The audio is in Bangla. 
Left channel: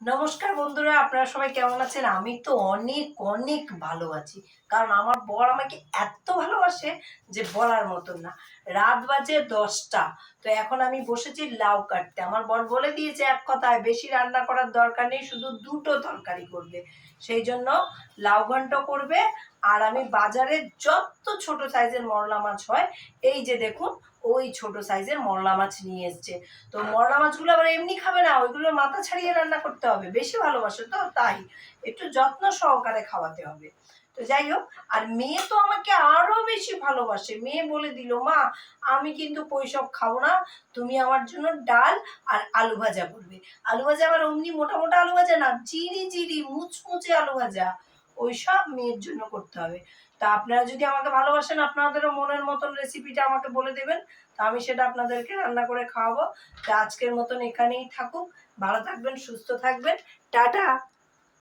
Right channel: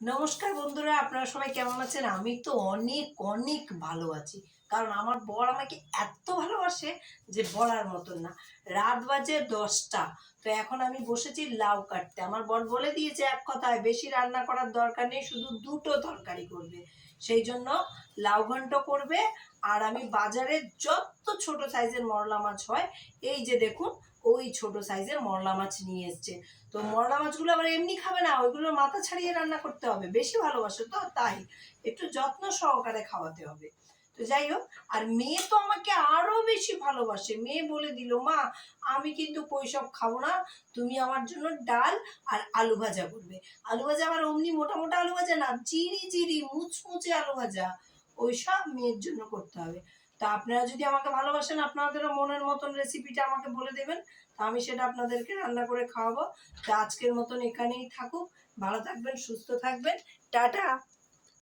নমস্কার বন্ধুরা, আপনারা সবাই কেমন আছেন? আমি তো অনেক অনেক ভালো আছি। কারণ আমার বর আমাকে এত ভালোবাসে যে বলার মতন না। রাত বাজে ১০টা। তো এখন আমি বসেছি লাউ কাটতে। আমার বর বলে দিয়েছে এক কথায়, বেশি রান্না করার দরকার নেই, শুধু ২ টো তরকারি করবে। সেই জন্য লাউ ঘন্ট করবে। আর আমি বাজারে যত ছোট সাইজের মরলা মাছ হয়, এই যে দেখুন, ওই ছোট সাইজের মরলা মাছ নিয়ে এসছে। তো মরলা মাছগুলো আবার এমনি খাবে না, ওইগুলোর মাথা ছাড়িয়ে রান্না করতে হবে, বেশি ভালোবাসে তো তাই একটু যত্ন সহকারে খাওয়াতে হবে। তো যাই হোক, আর মেয়ে তো আমাকে আরো বেশি ভালোবাসে। মেয়ে বলে দিল, মা আমি কিন্তু ওইসব খাবো না, তুমি আমার জন্য ডাল আর আলু ভাজা করবে। আলু ভাজা আবার অমনি মোটা মোটা আলু ভাজা না, চিরি চিরি মুচমুচে আলু ভাজা, ওইসব মেয়ের জন্য করতে হবে। তা আপনারা যদি আমাকে ভালোবাসেন, আপনাদেরও মনের মতন রেসিপিটা আমাকে বলে দেবেন, তা আমি সেটা আপনাদেরকে রান্না করে খাওয়াবো। তো আজকের মতন এখানেই থাকুক। ভালো থাকবেন, সুস্থ থাকবেন। টাটা।